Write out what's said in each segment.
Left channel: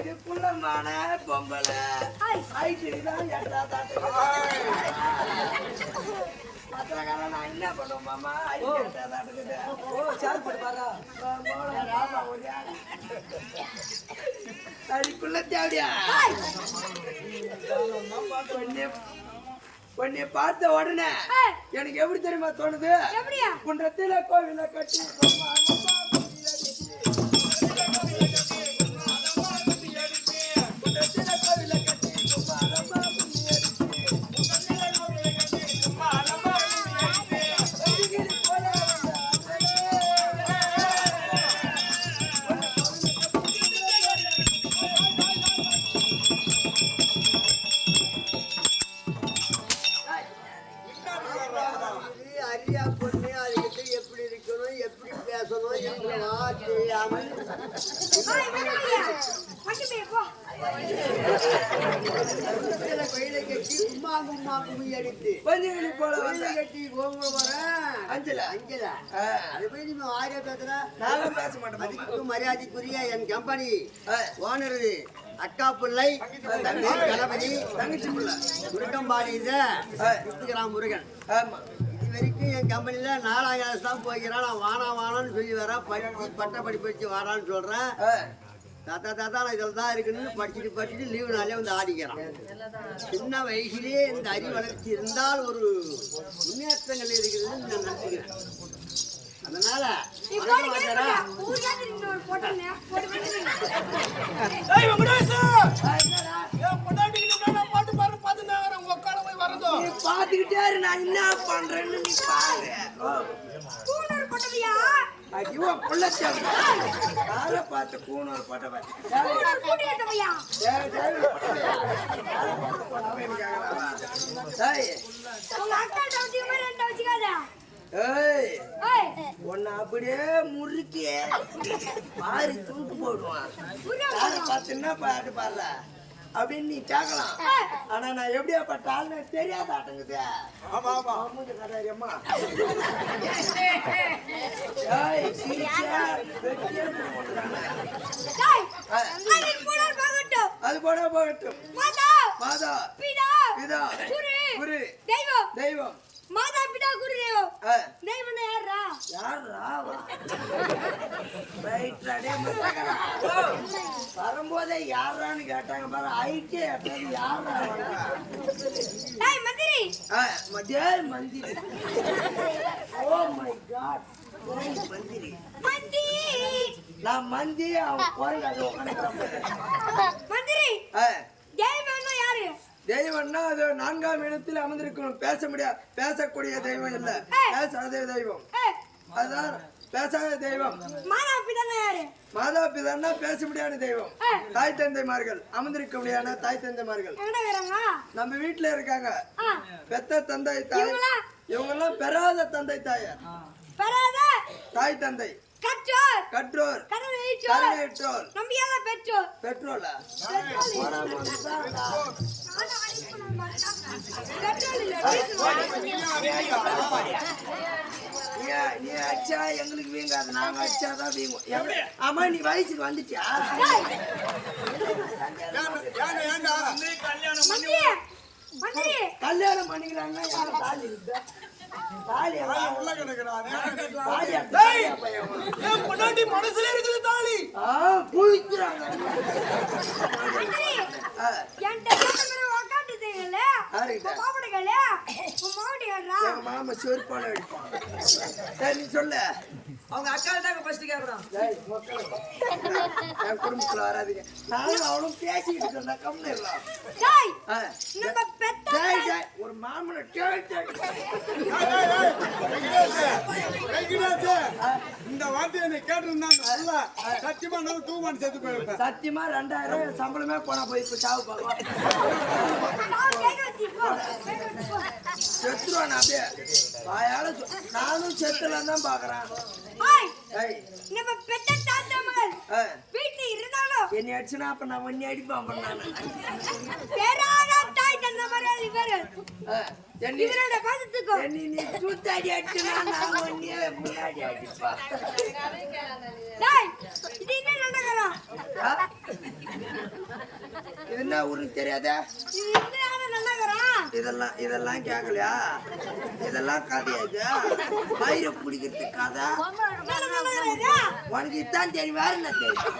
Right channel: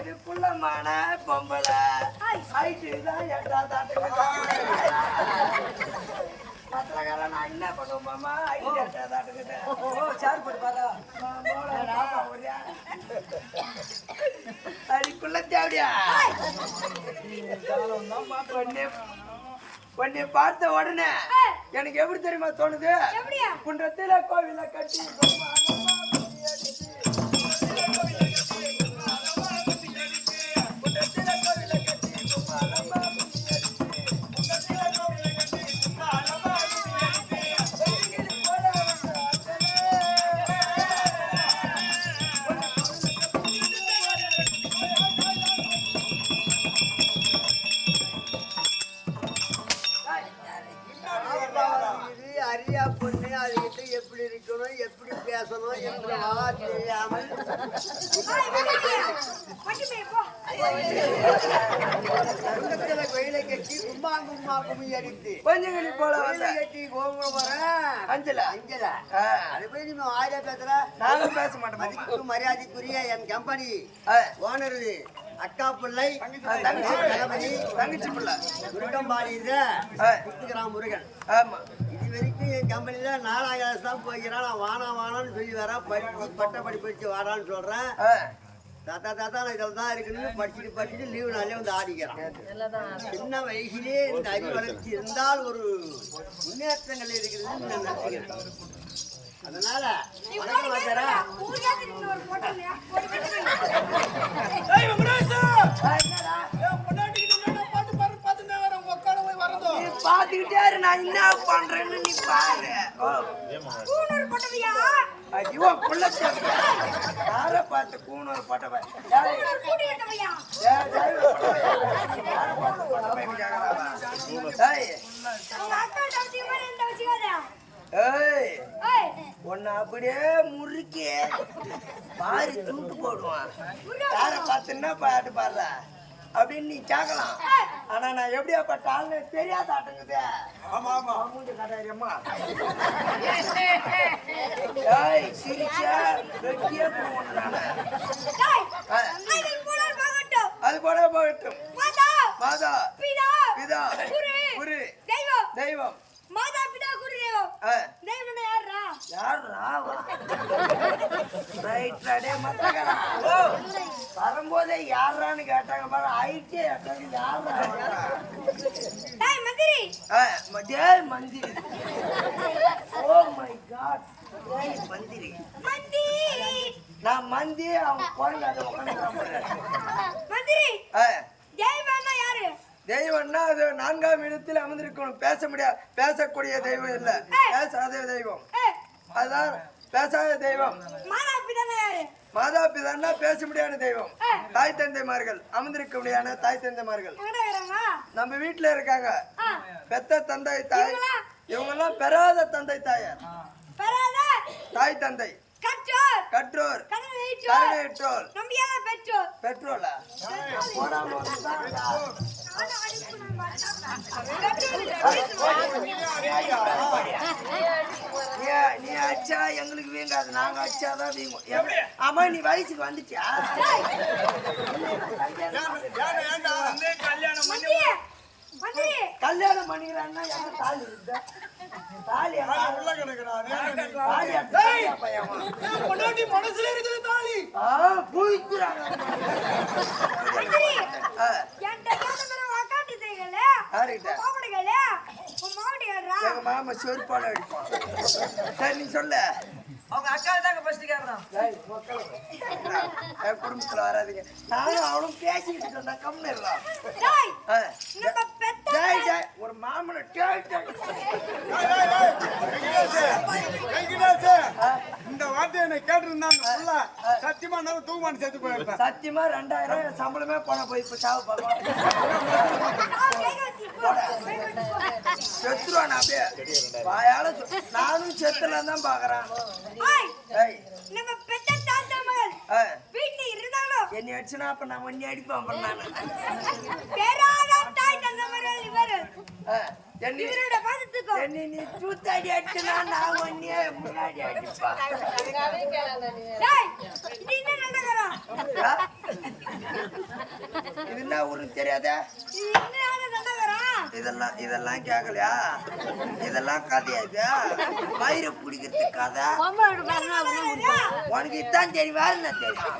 இதுக்குள்ளமான பொம்பளை ஐட்டுதான் பத்திரக்காரன் நான் என்ன பண்ணுவோமாமா சார் போட்டு பாரு அதுக்குள்ள தேவையா உன்னை பார்த்த உடனே எனக்கு எப்படி தெரியுமா தோணுது குன்றத்தில கோவில கட்டி அரியா பொண்ணு அதுகிட்ட எப்படி இருக்கணும் எப்படி பேசணும் என்று தெரியாமல் கோயிலை கட்டி கும்மா கும்மா கும்மி அடித்து கொஞ்சம் போல கட்டி கோபுரம் வர அஞ்சல அது போய் நீ ஆரியா பேசுற நானும் பேச மாட்டேன். மரியாதைக்குரிய என் கம்பெனி ஓனர் அக்கா பிள்ளை கணபதி தங்கச்சி பிள்ளை குருட்டம்பாடி முத்துக்கிறான் முருகன். ஆமா இது வரைக்கும் என் கம்பெனில 4ஆம் கிளாஸ் தான் போய்க்கிறான். நான் வானான்னு சொல்லி வரேன். பட்ட படிப்பு வச்சு வாடான்னு சொல்றேன். தாத்தா நான் இதில் தான் இருக்குன்னு படிச்சுட்டு லீவு நாளே வந்து ஆடிக்கிறான். சின்ன வயசுலேயே இந்த அறிவு வளர்ச்சி இருந்தால் ஒரு முன்னேற்றங்கள் இருக்குதுன்னு நான் நினைச்சுக்கிறேன். அதனால பாத்துக்கிட்டே நான் என்ன பண்றேன்னு நீ பாரு. ஐயோ புள்ளச்சேவியா யார பார்த்து கூணூர் போட்டவன் உன்னை அப்படியே முறுக்கி மாறி தூட்டு போடுவான். யார பார்த்துன்னா பாட்டு பாடுற அப்படின்னு நீ கேட்கலாம். ஆனா நான் எப்படியா பட்டால்னு தெரியாத ஆட்டங்குது. மூஞ்ச காட்டாரியம்மா அது போட போகட்டும். மாதா பிதா குரு தெய்வம் மாதா பிதா குரு தெய்வம் தெய்வம் யாரா வரும்போதே யாரான்னு கேட்டாங்க பாரு. ஐக்கிய யாரா மந்திரி. ஓ மை காட் மந்திரி நான் மந்தி அவன் குறைங்க அதை உட்காந்து மந்திரி தெய்வம்னா யாரு? தெய்வம்னா அது 4ஆம் இடத்தில் அமர்ந்திருக்கணும். பேசக்கூடிய தெய்வம் இல்ல, பேசாத தெய்வம். அதுதான் பேசாத தெய்வம். மாதா பிதான்னா பேச முடியாத தெய்வம். தாய் தந்தைமார்கள் அமர்ந்திருக்க முடியாத தாய் தந்தைமார்கள் நம்ம வீட்டுல இருக்காங்க. பெத்த தந்தை தாய் இவங்க எல்லாம் பெறாத தந்தை தாயார். தாய் தந்தை கற்றோர் கருணையற்றோர் பெட்ரோலா நீ அச்சா எங்களுக்கு வீங்காது, நாங்க அச்சாதான் வீங்கும். ஆமா நீ வயசுக்கு வந்துட்டியா? கல்யாணம் பண்ணிக்கலாம்னா தாலி இருக்கு. தாலி உள்ள கிடக்குறான். மனசுல இருக்குது தாலி. பூய்க்கிறாங்க. மாமா செருப்பால அடிப்பான். சரி நீ சொல்ல. அவங்க அக்கால் தாங்க ஃபர்ஸ்ட் கேக்குறான். என் குடும்பத்துல வராதீங்க. நானும் அவனும் பேசிக்கிட்டு இருந்தா கம்மிடலாம். ஒரு மாமனை இந்த வார்த்தையை என்ன கேட்டிருந்தாங்க. சத்தியமா நான் தூக்குமான்னு சேர்த்து போயிருப்பேன். சத்தியமா 2000 சம்பளமே போனா போய் இப்ப சாவு பார்க்கலாம். செத்துருவான் அப்படியே வாயால. நானும் செத்துலாம் தான் பாக்குறேன். ஏய் நம்ம பெத்த தாத்தா மகள் வீட்டுல இருந்தாலும் என்னை அடிச்சுனா அப்ப நான் ஒன்னி அடிப்பேன் அப்புறம் நானு பேராத தாய் தந்த மகள் இவரு என்னை இவரோட பாசத்துக்கோ என்னை நீ தூத்தாடி அடிச்சுனா நான் ஒன்னியே முன்னாடி அடிப்பா டேய் இது என்ன நடக்கறோம் இது என்ன ஊருக்கு தெரியாதா இது என்ன நடக்கறோம் இதெல்லாம் கேட்கலையா இதெல்லாம் கதையா இது மயிரை பிடிக்கிறது கதை உனக்கு இதான் தெரியும் வேற என்ன தெரியும்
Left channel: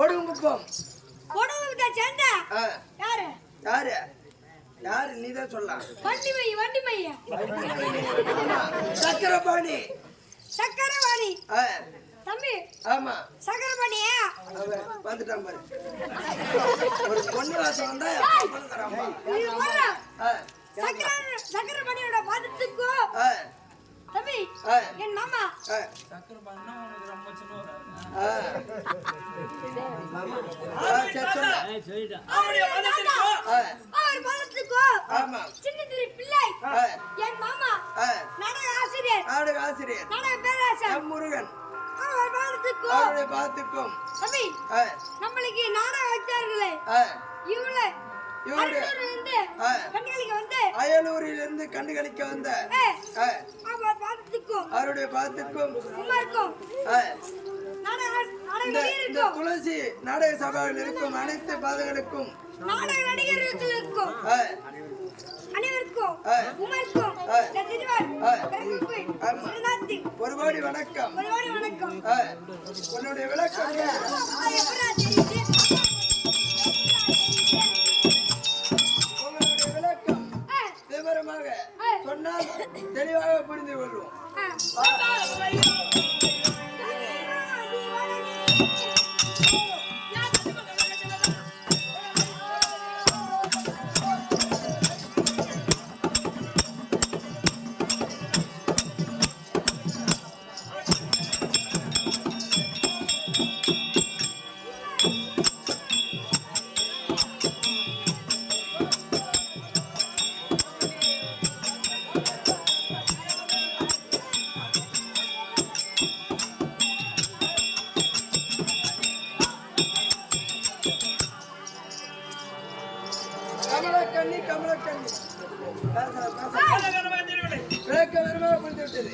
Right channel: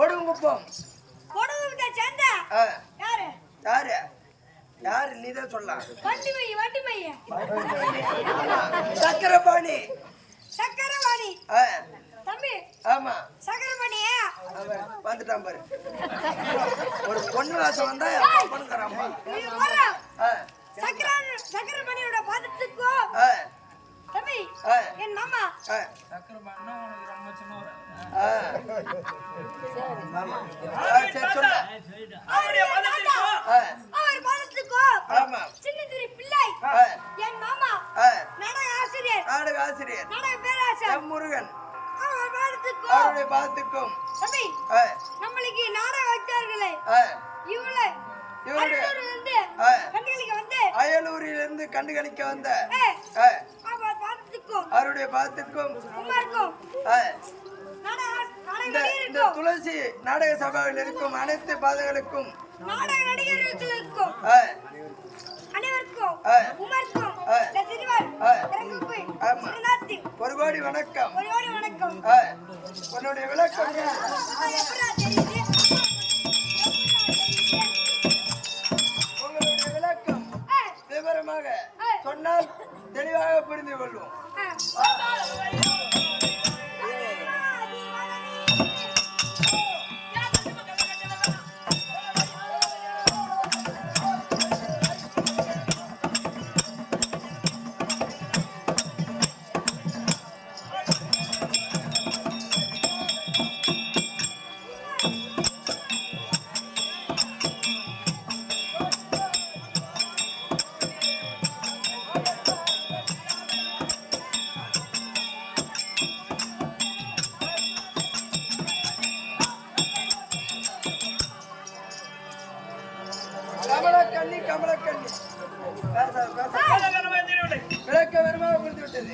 கொடுங்குப்பம் கொடுங்க சேர்ந்த யாரு யாரு யாரு நீதான் சொல்லலாம் வண்டி மை ஆமா சக்கரபாணி தம்பி ஆமா சக்கரபாணி வந்துட்டான் பாரு ஒரு பொண்ணு வாசம் வந்தா பொண்ணுங்கிறாம்மா சக்கரபாணியோட பாதத்துக்கோ தம்பி என் மாமா அவர் பாதத்துக்கோ சின்ன திரு பிள்ளை என் மாமா நாடக ஆசிரியர் நாடக பேராசிரியர் முருகன் அவருடைய பாதத்துக்கும் தம்பி நம்மளுக்கு நாடகம் வைத்தார்களே அயலூரிலிருந்து கண்டுகளிக்க வந்த அவருடைய பாதத்துக்கும் துளசி நாடக சபாவில் இருக்கும் அனைத்து பாதங்களுக்கும் நாடக நடிகர்களுக்கும் அனைவருக்கும் உமருக்கும் ஒரு கோடி வணக்கம் உன்னுடைய விளக்கம் உங்களுடைய விளக்கம் விவரமாக சொன்னால் தெளிவாக புரிந்து கொள்வோம் கமலக்கண்ணி விளக்க வேறுமாக புரிந்து விட்டது.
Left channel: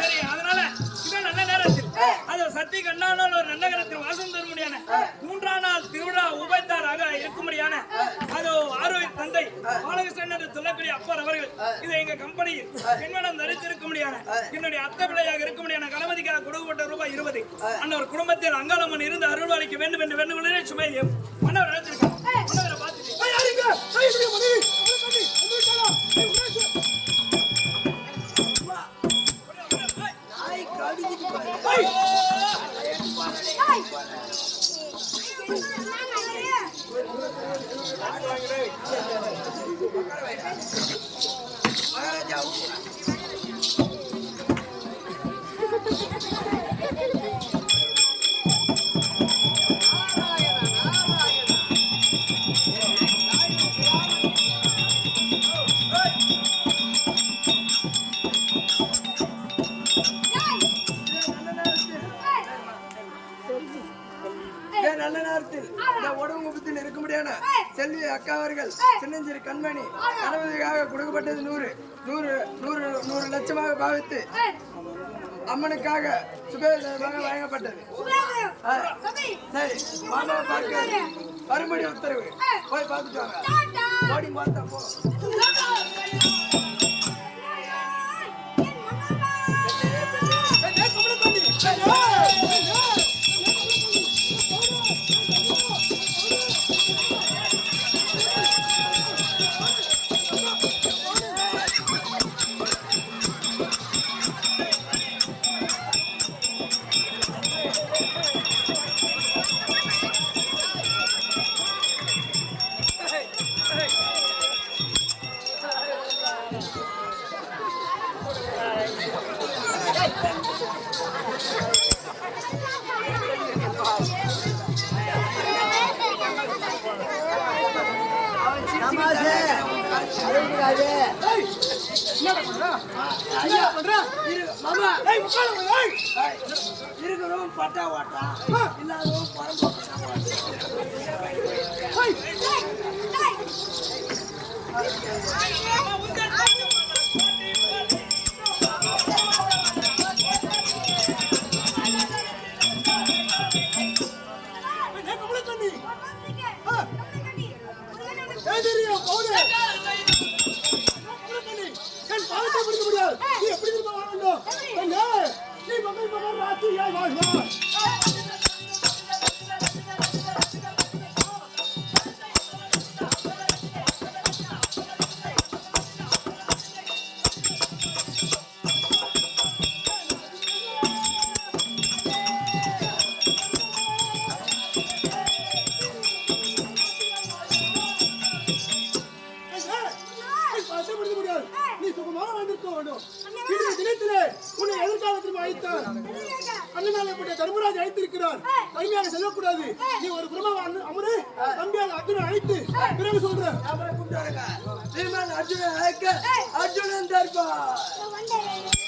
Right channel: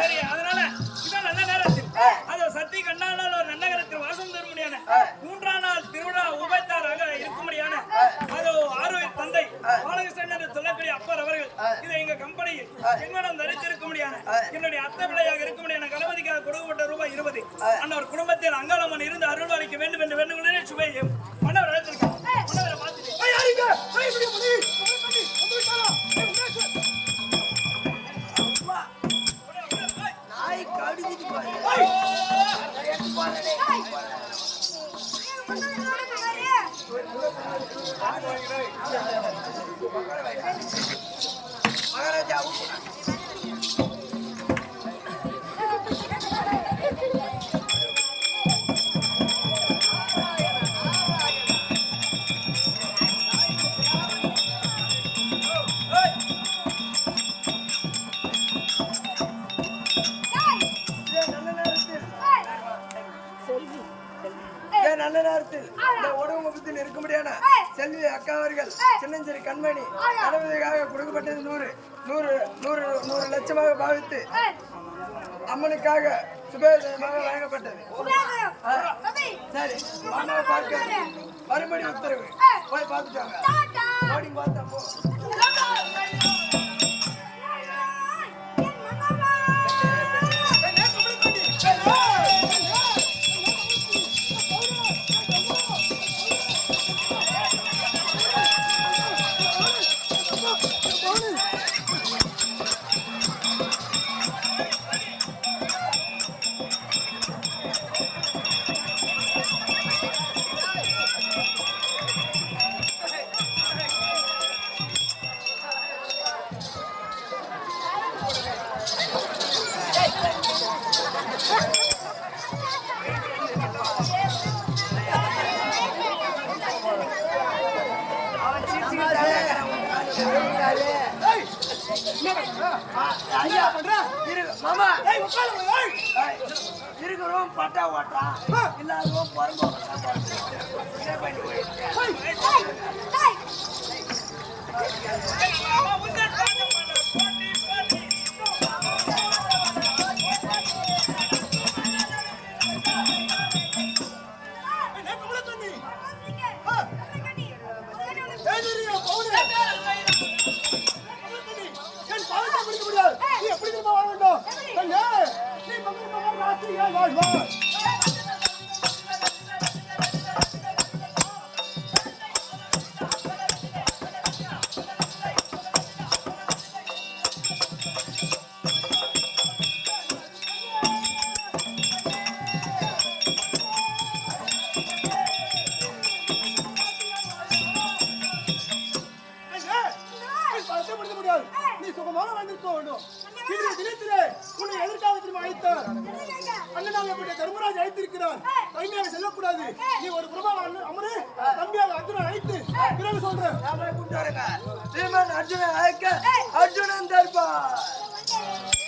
சரி, அதனால இதான் நல்ல நேரத்தில் அது சக்தி கண்ணானால் ஒரு நல்ல நேரத்தில் வாசம் தரும்படியான 3ஆம் நாள் திருவிழா உபயத்தாராக இருக்கும்படியான அது ஆரோக்கிய தந்தை பாலகிருஷ்ணன் என்று சொல்லக்கூடிய அப்பர் அவர்கள் இதை எங்க கம்பெனியில் பெண்மனம் தரித்திருக்க முடியான என்னுடைய அத்தை பிள்ளையாக இருக்க முடியான கணபதிக்காக கொடுக்கப்பட்ட ரூபாய் 20 அன்னவர் குடும்பத்தில் அங்காளம்மன் இருந்து அருள்வாளிக்க வேண்டும் என்று வேண்டுகொள்ள சுபையும் மன்னவர் அழைத்திருக்கார். மன்னவரை பார்த்துட்டு நாய் கடிக்குது பாரு. மகாராஜா நல்ல நேரத்தில் இந்த உடம்புத்தில் இருக்க முடியான செல்வி அக்கா அவர்கள் சின்னஞ்சிறு கண்மணி கணவதியாக கொடுக்கப்பட்டது 100 லட்சமாக பாவித்து அம்மனுக்காக சுபேதமாக வழங்கப்பட்டது. சரி, மாமா பார்க்க மறுபடி உத்தரவு போய் பார்த்துட்டாங்க. பார்த்தா போ. ஐயா பண்ற மாமா ஏய் உட்காரு ஏய் இருக்கிறோம் பட்டா ஓட்டான் இல்லாதவன் பரம்போக்கத்தான் ஏய் நீ சுகமாக வாழ்ந்திருக்க வேண்டும். இன்றைய தினத்திலே உன்னை எதற்காக திரும்ப அழைத்தார்? அண்ணனாகப்பட்ட தர்மராஜ் அழைத்திருக்கிறார். தனிமையாக செல்லக்கூடாது. நீ ஒரு புறமாக அமரு. தம்பியாக அர்ஜுனன் அழைத்து பிறகு சொல்றேன். அர்ஜுனன் அழைக்க அர்ஜுனன் தர்பார்